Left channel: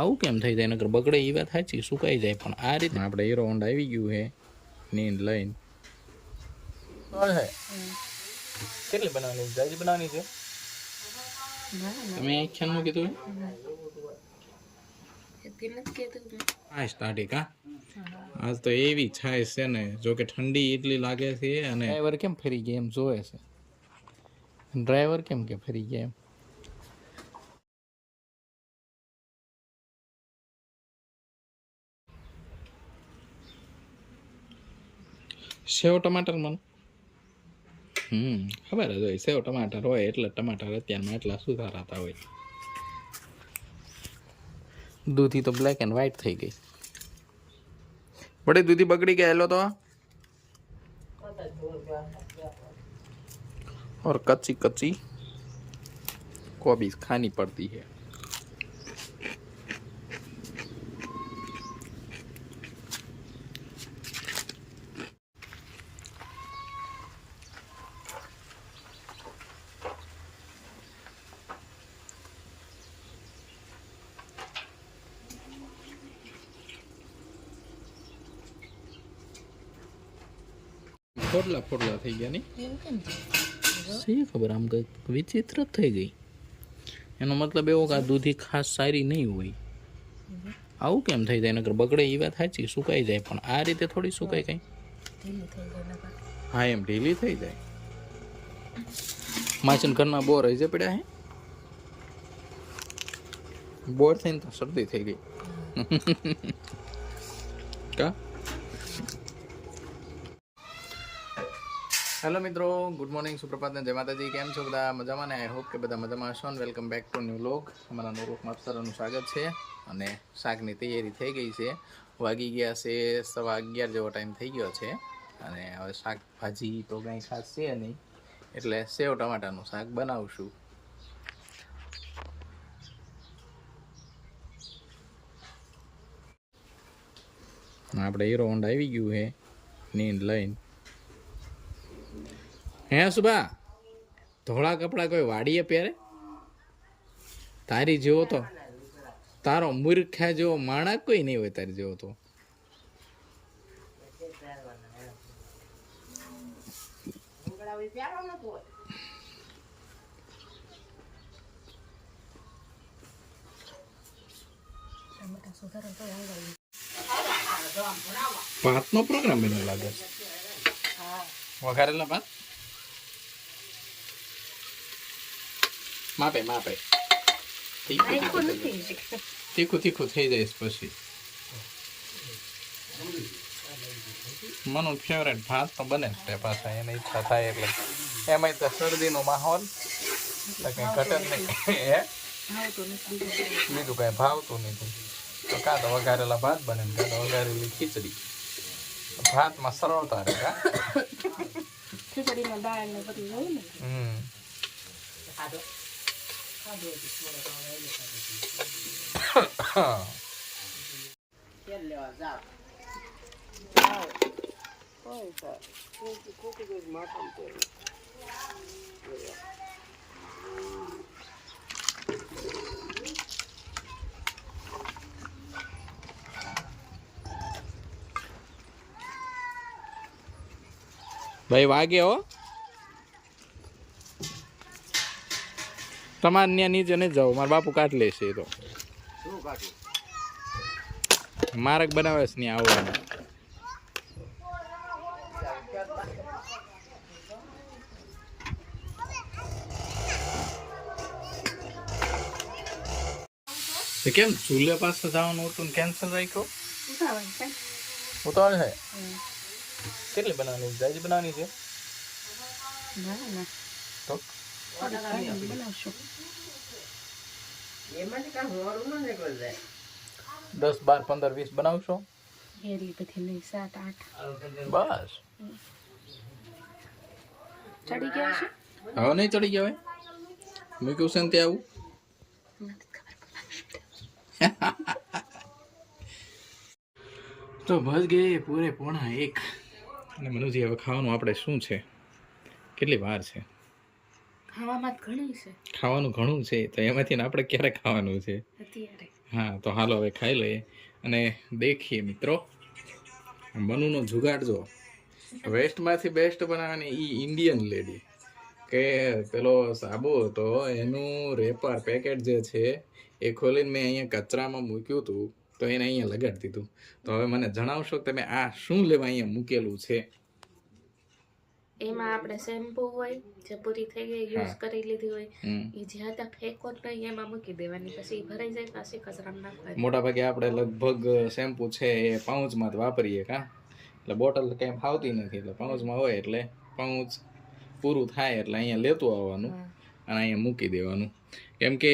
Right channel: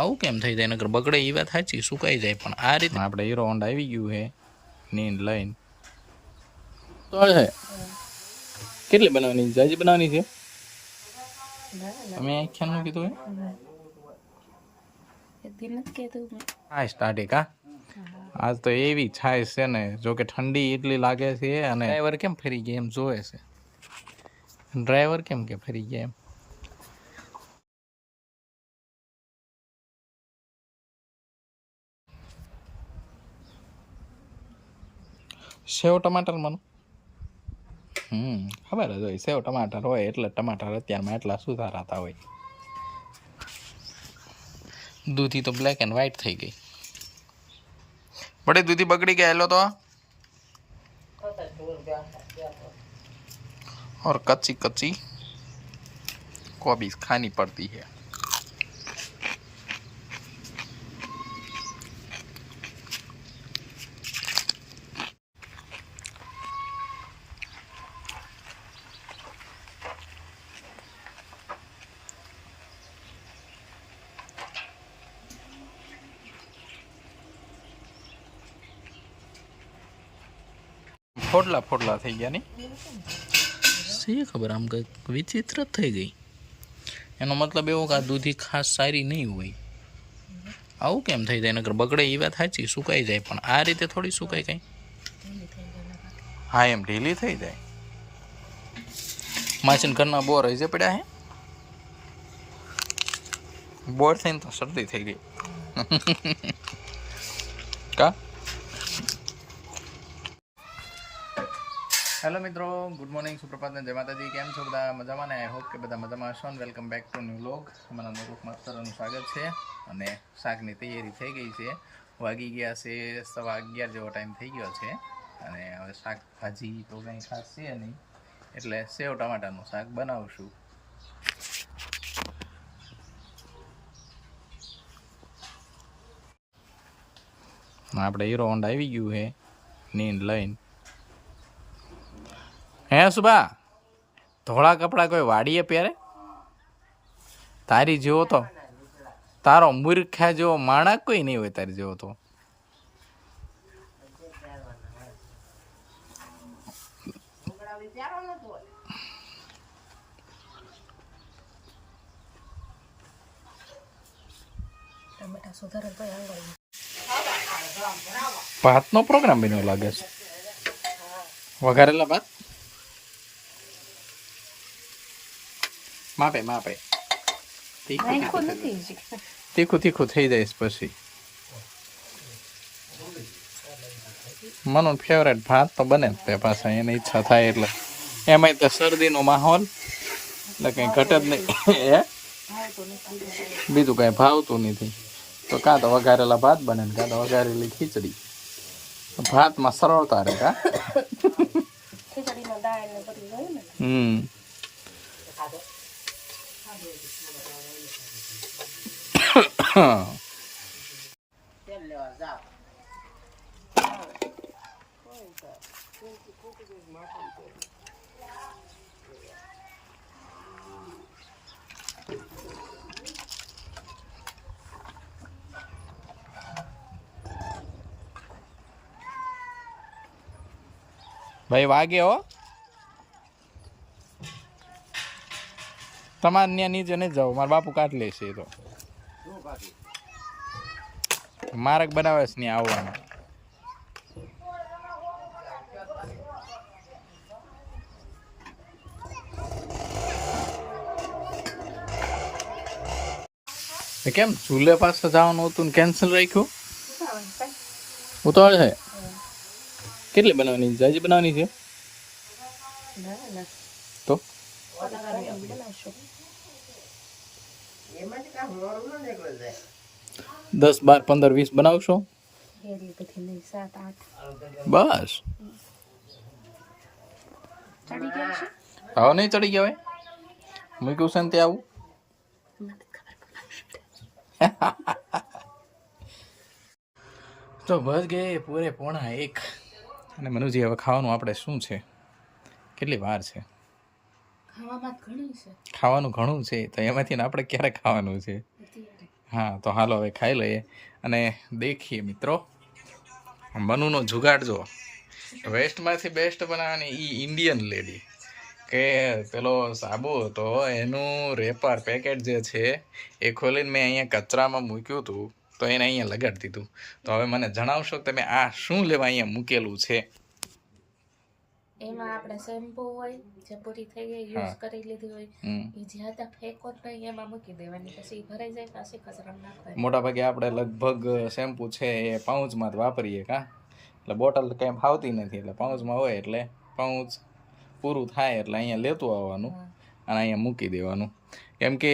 આવું કેમ થઈ જાય? નકર બગડે એ વાત સાચી, સુકાઈ જાય. પણ આ રીતે આપણે હીરો હોન્ડા આવી ગયું છે નીંદ લઈને તો છે. કેટલી બનાવવાની? જાજી બનાવવાની છે. તમે આખ્યાનનું કીધું હા સ્ટાર્ટિંગ હા. આજ તો એવી છાય છે ને, જો કે ઠંડી એટલી લાગે છે. અને ડ્રાઈવર કેમ ફરી ગયા એમ જોવે છે. ડ્રાઈવર કેમ કે ફરી ગયા એમ. સેવ ટમાટર મને ખબર જ હોય. સેવ ટમાટર હોય એટલે ટમાટર અત્યારમાં એટલા સુધારાતા હોય. દૂધી તો બ્લેક એન્ડ વ્હાઈટ થઈ ગઈ. બड़ी दूधी बगड़ी गया लो तो और कच्ची कच्ची कोबीज खानी पड़ती है. ફોડલા ફોડલા થઈ ગયા નહીં સી ખબર, આમ કંઈક વિચિત્ર થઈ ગઈ. એનો મતલબ એવો કે આ દૂધી ખાસ સારી નહીં હોય. આવું કેમ થઈ જાય? નકર બગડે એ વાત સાચી, સુકાઈ જાય. પણ આ રીતે થોડી સુકાય કઈ. હા એમ ઢીલી થઈ જાય. માસીન ઘરના બોર હજી પડ્યા હે. બોર થઈને તો શરદી થઈ ગઈ કા. હેલો મિત્રો, ગુડ મોર્નિંગ, સુપ્રભાત ને જય માતાજી. કેમ છો બધા? મજામાં ને? આઈ હોપ કે બધા મજામાં હશો. ને welcome back to new vlog. અમારા નૂરલોકમાં સરાનું સ્વાગત છે. અને શાકની તૈયારી થઈ ગઈ છે. વાગી ગયા છે 11:15 જેવો ટાઈમ થઈ ગયો છે. અને હવે શાકભાજી તો કંઈ ખાસ છે નહીં, એટલે સેવ ટમાટાનું શાક બનાવશું. આપણે હીરો હોન્ડા આવી ગયું છે નીંદ લઈને. હે સુભા, ધોળા કપડા કોઈ વાડીએ પહેરે? તારી જેવો તો તારો મૂર્ખા જેવો માણસ કોઈ નહીં હોય તારી જેવો તો. ભાતનો પ્રોગ્રામ બન્યો લાગે છે. વઘારેલા ભાત માપે માપે તીખું તીખું થઈ જાય પછી. મનું ફેવરેટ ભાત તો બને જ તે પાછા, એની ઈચ્છા થાય એટલે. એમાંય તો શરદીનો માહોલ એટલે કંઈ ઘટે જ નહીં. બીજું કાંઈ ભાવતું નથી તો કાં તો વઘારેલા ભાત બને, કાં તો વઘારેલી ખીચડી. ભાતમાં સરળતા રહે. કા ભાઈ વાગે હો. તમારે ત્યાં નીચે નહીં જાવ, મારા બાપુ કાઢ લેશે. તો માર્ગ બનાવે છે ત્યાં આવવાનું. કેમ ચૂલે પાસે જવાનું હતું કેન્સલ રાખ્યું? ઉતાવળ છે. કેટલી બનાવવાની? જાજી બનાવવાની છે તો 10, 12, 15, 20 બનાવશો બસ. હવે નહીં ચડી ગયા હોય. મૂક્યું છે ને તે આવું. તો બસ ગયે પૂરે 1:45. અને મનુજી હવે ખાવાનું આપણે શું છે? કેટલી વાર છે? ખાવાનું ઘણું છે તો એમાંથી આપણે ક્યારે ખાવાનું છે? હા તો હાલો હવે ખાઈ લઈએ અને દેખીએ મિત્રો મનુનો જુગાડ જો વેસ્ટમાંથી બેસ્ટ બનાવવાની એ ઇન્ડિયન લેડી કે પેલો સાબુ હતો એનું રેપર પેકેટ જે છે એ ખોલીને મેં અહીંયા કચરામાં મૂક્યું હતું તો એને અહીંયા લગાડી દીધું. તો હવે મને જણાવશો કે તમે આ શું લેવા અહીંયા મૂકેલું છે? એમાં આપણે શેમ્પૂ હોય જે પૂરી થઈ ગઈ યુઝ કરી લીધી હોય એ જ્યાં ત્યાં ફેંકો જ નહીં, એમાં મૂકી દેવાની, પછી ભરાઈ જાય પાછી કચરામાં નાખવાની. મોટા ભાગે આપણે લગભગ શેમ્પૂ છે એ પાઉચમાં જ વાપરીએ કા, એટલે બોટલ કંઈ ફાવતી નથી, એટલે પાઉચમાં હોય એટલે પાઉચ પૂરું થાય એટલે અહીંયા લેતું આવવાનું અને અહીંયા મૂકી દેવાનું. કેમ કે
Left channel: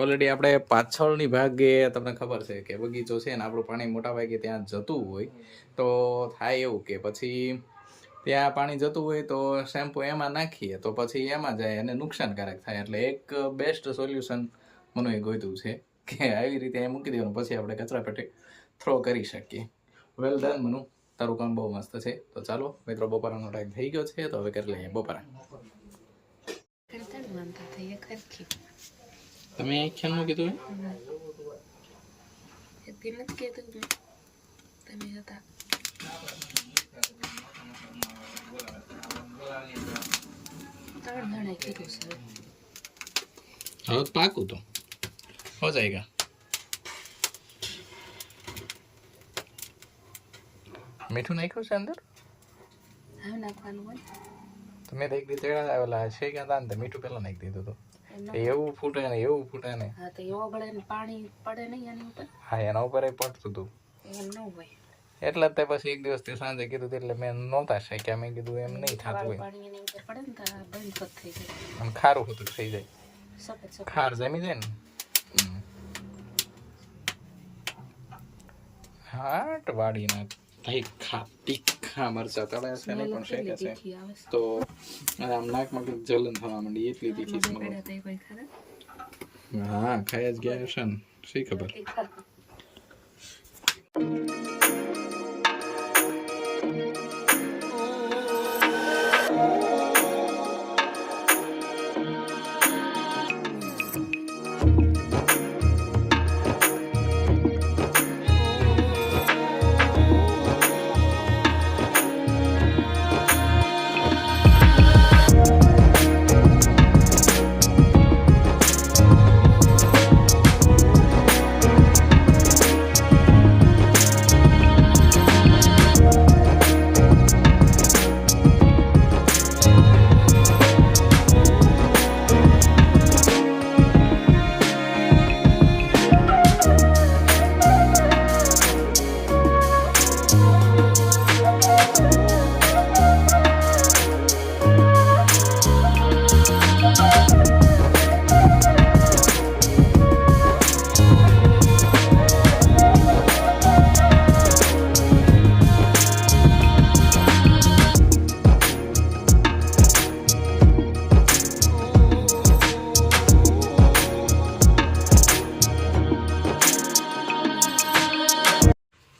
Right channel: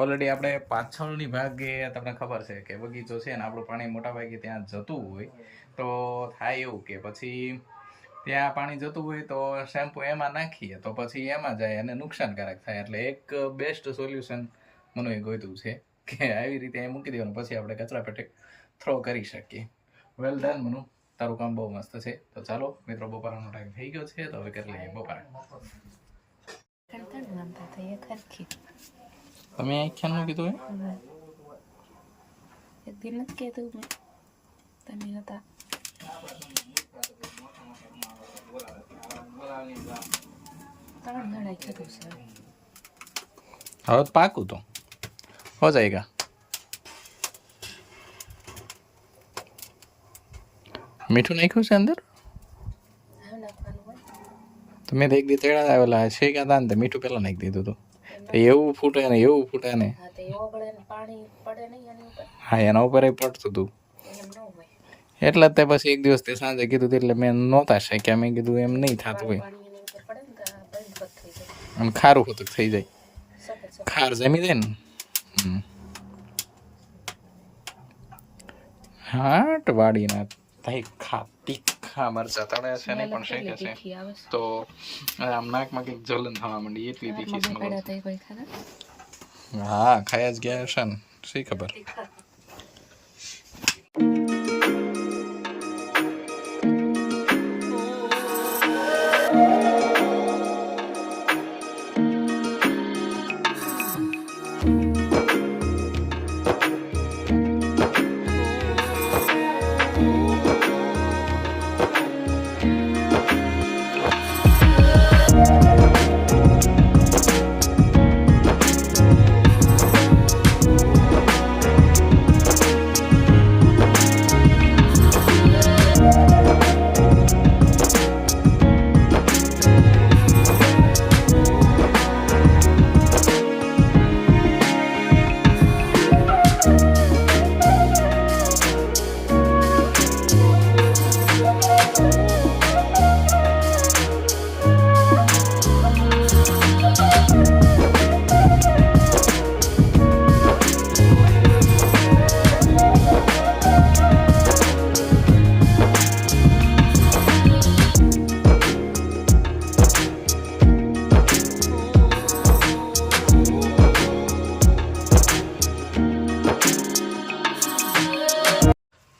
ઓલરેડી આપણે પાછળની ભાગે તમને ખબર છે કે બગીચો છે ને આપણું પાણી મોટા ભાગે ત્યાં જતું હોય, તો થાય એવું કે પછી ત્યાં પાણી જતું હોય તો શેમ્પૂ એમાં નાખીએ તો પછી એમાં જાય અને નુકસાનકારક થાય. એટલે એક બેસ્ટ સોલ્યુશન મને ગોઈતું છે કે આવી રીતે એ મૂકી દેવાનું, પછી આપણે કચરા પેટે થ્રો કરી શકીએ. વેલ ડન મનુ, તારું કામ બહુ મસ્ત છે. તો ચાલો મિત્રો, બપોરાનો ટાઈમ થઈ ગયો છે તો હવે કરી લઈએ બપોરા. તમે આખ્યાનનું કીધું એક દિન જ કીધું મેં, તમે હતા હવે પાકું તો હો જાયગા. મીઠું નાખ્યું છે અંદર? હવે નાખવાનું હોય. તમે તો એક દી તેડા આવેલા છે કે હતા ને તો મીઠું પહેલાં નાખી દીધું હતું. એવું ફૂટે ને એવું ફૂટે ને. હા તો ઓગળે ને પાણી પડે નહીં એની ઉપર. હા એના ઉપર પડતું હતું. એમ ન હોય એટલે જ તે પછી એક દિવસ તે સાંજે કીધું એટલે મેં નહોતા શક્યા. મેં કીધું એમ નહીં થતું હોય. પાણી એની ઉપર પડે ને તો બંધ થઈ જાય અને ખારું હોતું થઈ જાય, ખાર જમી જાય ને. હાટ વાડીના ભાઈ તીખા મરચા તળ્યા છે ને પણ શેકે છે તો આમ નાકમાં કંઈક જલન થવા માંડી, એટલી તીખી સ્મેલ. હા ખાઈ જ ગયા હશે ને, શી ખબર.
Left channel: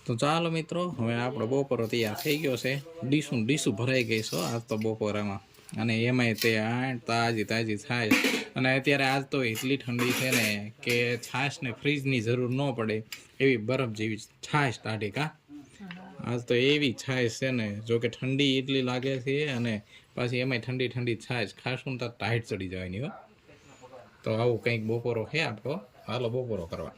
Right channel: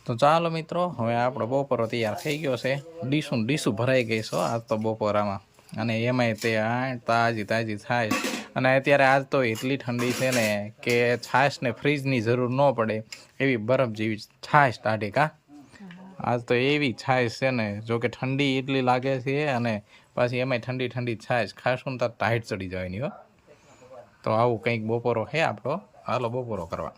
તો ચાલો મિત્રો, હવે આપણો બપોરો તૈયાર થઈ ગયો છે. ડીશું ભરાઈ ગઈ છો આજ તો બપોરામાં, અને એમાંય તે તાજી છાશ. અને અત્યારે આજ તો એટલી ઠંડી છે ને કે છાશને ફ્રીજની જરૂર ન પડે એવી બરફ જેવી છાશ ટાઢી કા. આજ તો એવી છાશ છે ને, જો કે ઠંડી એટલી લાગે છે અને પાછી એમાંય ઠંડી છાશ ખાશું ને તો ટાઈટ ચડી જવાની હો. તો આવું કંઈક બપોરો છે આપણો. હાલો બપોરો કરવા.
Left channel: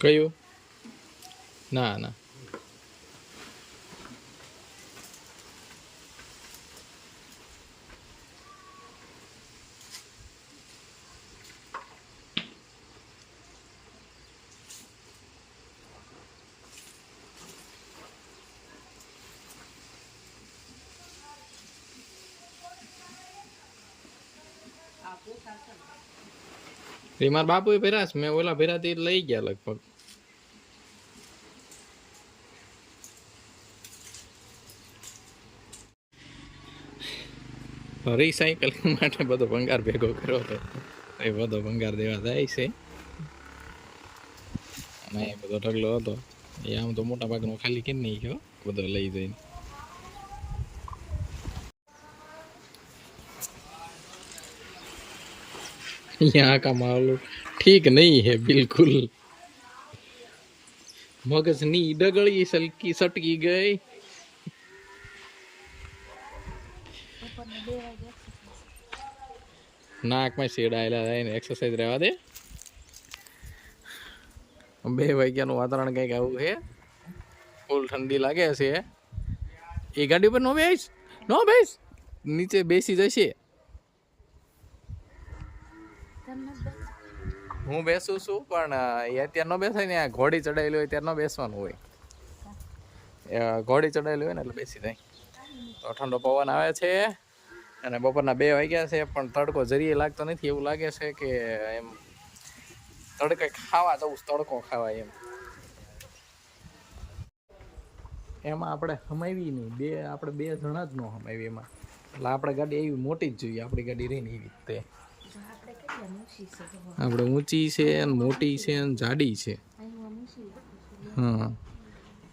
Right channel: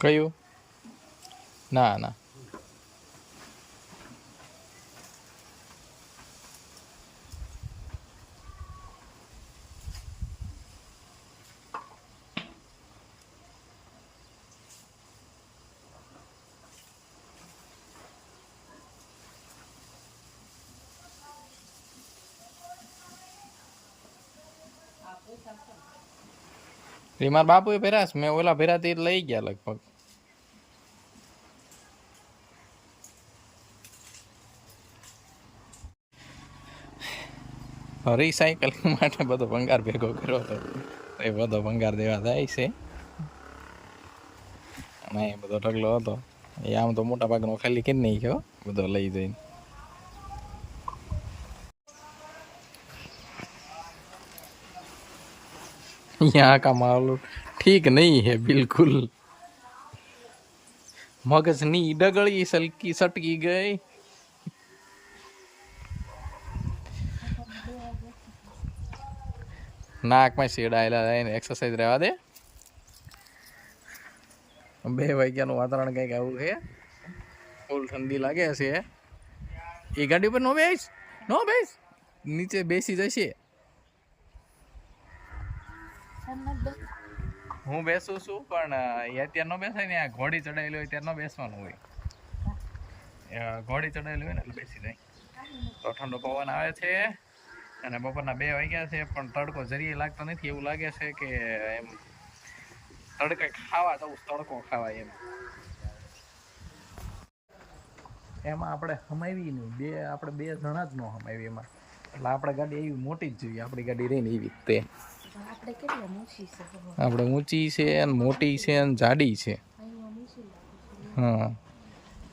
કયું? ના એ મારા બાપુએ પહેર્યા છે. મેં ઓલા ભેરાથી લઈ ગયા લગભગ. રિસાયકલિંગ માટે બધો ભંગાર ભેગો કર્યો હતો, એ બધો ભંગાર દેવા જાય છે. અને એ બધો ઢગલો હતો એ આમ તો મોટા ભાગનો ખાલી કરી નહીં ગયો, બધો લઈ જઈને. यहाँ का माहौल ठीक नहीं है बिल्कुल. મગજની ડગળી સલકી સટકી ગઈ. નાકમાં શેડાયેલા રહીને એક્સરસાઇઝ રહેવા દે. 2 વાગ્યાનું વાતાવરણ કંઈક આવું છે. ફૂલ ઠંડી લાગે છે. એ ગાડી પર નો બેસ નીચે બેસી જશે. હું બેસું છું પણ એ અત્યારે ન બેસાય ને. આ ઘોડી ચડાયેલી હોય ત્યારે ન બેસવાનું હોય. ઘોડી ચડાયેલી હોય ને એટલે બેસી જાય. તો ઠંડો પવન આવે છે અને બપોરના 2 વાગ્યા છે પણ તડકો જરીએ લાગતો નથી. એવું લાગે છે કે એમ તડકે ખાવા જવું, તડકો ખાવા એમ. એમાં આપણે હમાવી નહીં. આપણે 2 જણા જ ન હમાવી એમાં. એટલે આપણે ગાડી એવી મોટી જ જોઈએ. આપણી ગાડી રહીને એવી તે આપણે ઊંચી છે અને મોટી છે અને જાડી છે. હા,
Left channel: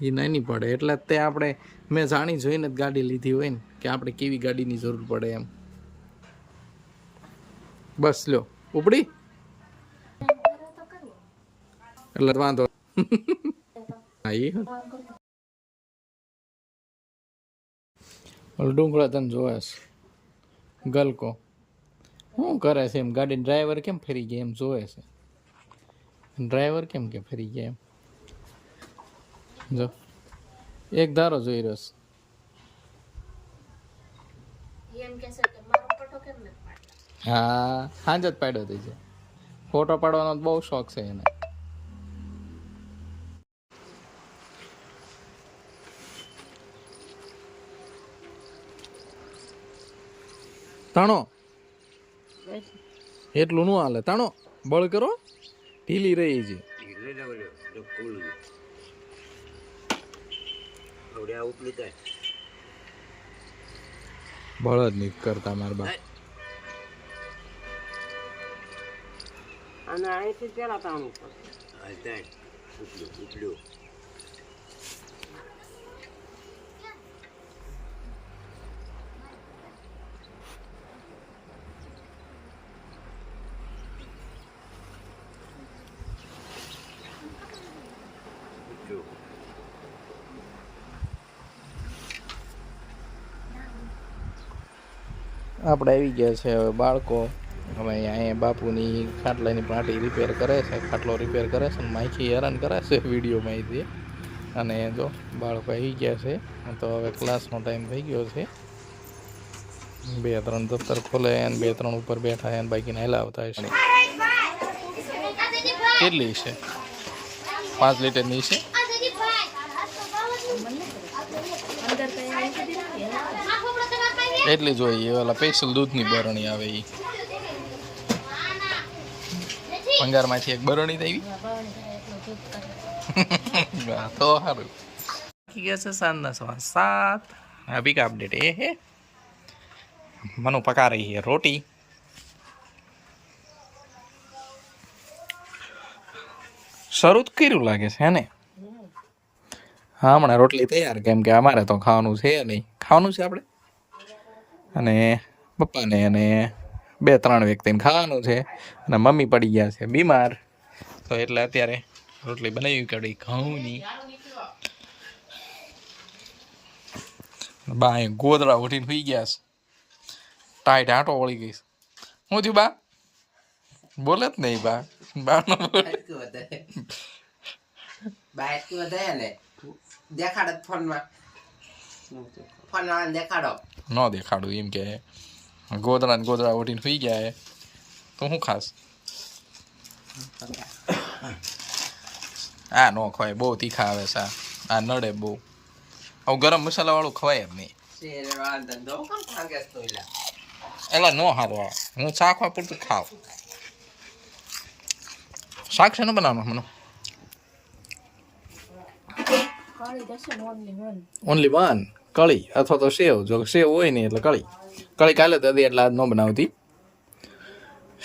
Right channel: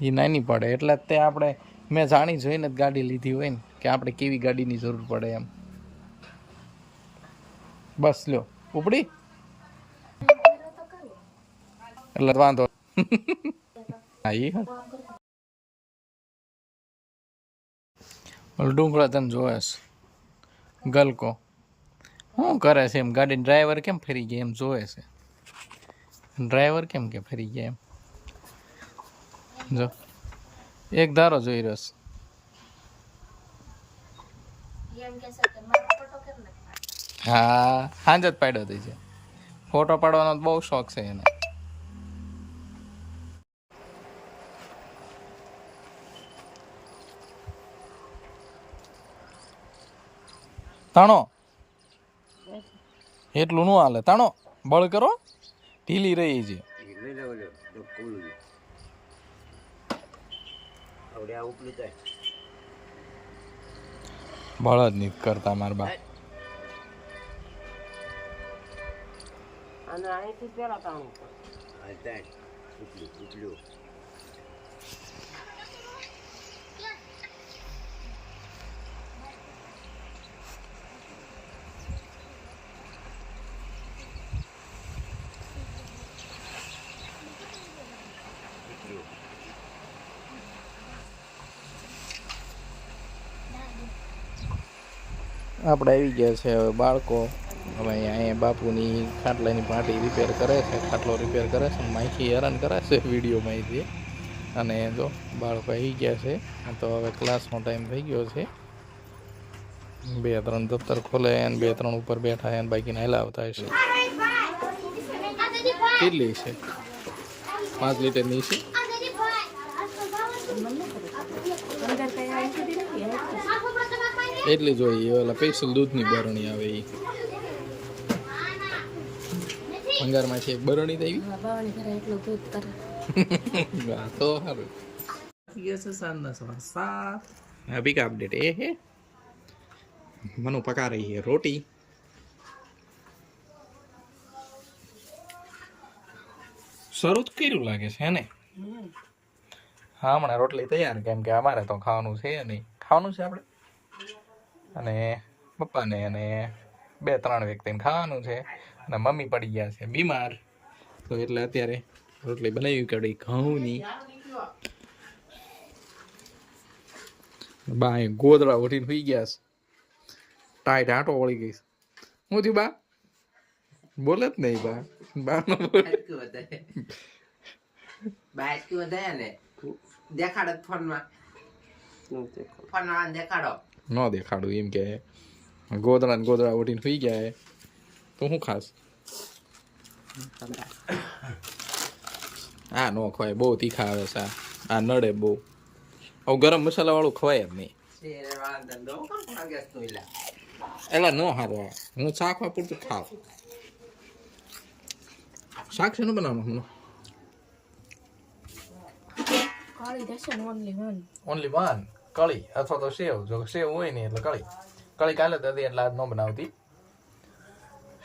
એ નાની પડે એટલે તે આપણે મેં જાણી જોઈને જ ગાડી લીધી હોય ને કે આપણે કેવી ગાડીની જરૂર પડે એમ. બસ લ્યો ઉપડી એટલે વાંધો. હા એ ડુંગળા તને જોવે છે ગલકો શું કરે છે એમ. ગાડી ડ્રાઈવર કેમ ફરી ગયા એમ જોવે છે. ડ્રાઈવર કેમ કે ફરી ગયા એમ જો એક ધારો જોઈ રહ્યો છે. હા સાંજ જ પાડ્યો થઈ છે. ફોટો પાડવાનો બહુ શોખ છે એને. તાણો એટલું નું હાલે. તાણો બળ કરો, ઢીલી રહી છે. બળ જ નથી કરતા મારા બાપ. આપણે આવી ગયા છે હવે બાળકો. હવે અહીંયા બાપુની ખાટલાની પાટી રિપેર કરે છે. ખાટલો રિપેર કરે છે. માઇકી હેરાન કરે છે વિડીયોમાંથી. અને જો બાળકો આવી ગયા છે. તો હવે ક્લાસનો ટાઈમ થઈ ગયો છે. 2-3 દફતર ખોલે અને 2-3 ઉપર બેઠા અને બાકીને હલાવતા હશે. કેટલી છે? 5 લીટરની છે. એટલી જોઈએ. ઓલા સ્પેશિયલ દૂધની બરણી આવે એ ભંગારમાંથી એક બરણી આવી. તો સારું. ગયા છે સાંજના 7:15. અભી કા અપડેટ એ હે મનુ પકા રહી है रोटी. શરૂ કર્યું લાગે છે ને. હા હમણાં રોટલી તૈયાર. કેમ કે અમારે તો ખાવાનું છે નહીં. ખાવાનું છે આપણે અને પપ્પાને અને 2-3 વ્યક્તિને ખાવાનું છે. અને મમ્મી પડી ગયા છે બીમાર. તો એટલે અત્યારે રોટલી બનાવી કડી ઘઉંની. બા અહીં ગોદડા ઉઠીને સુઈ ગયા છે. ટાઈટ આંટો વળી ગઈ. શું થયું બા? બોલે જ નહીં બા. બા નો બોલે. ન દેખાડું એમ કે ગોદડા ને ગોદડા ઉઠીને સુઈ ગયા હે. તો શું ખાસ? આ નો ખવાય. બહુ તીખા આવે છે. આ નડે બહુ. આવું ગરમ મસાલા વાળું ખવાય જ નહીં. એલા નો સારું આવે. હું શાકમાં પૂરતું ખાવ. શાક છે ને બનાવવાનું મને ઓનલી વન કળી અથવા તો સેવ. જો સેવ હોય ને એટલે કળી. કળી કાલે તો હતી એટલે આજ ન બનાવતી.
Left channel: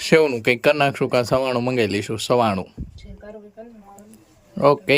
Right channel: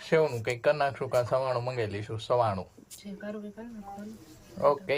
સેવનું કંઈક કરી નાખશું. કાં સવાણું મંગાવી લઈશું. સવાણું ઓકે.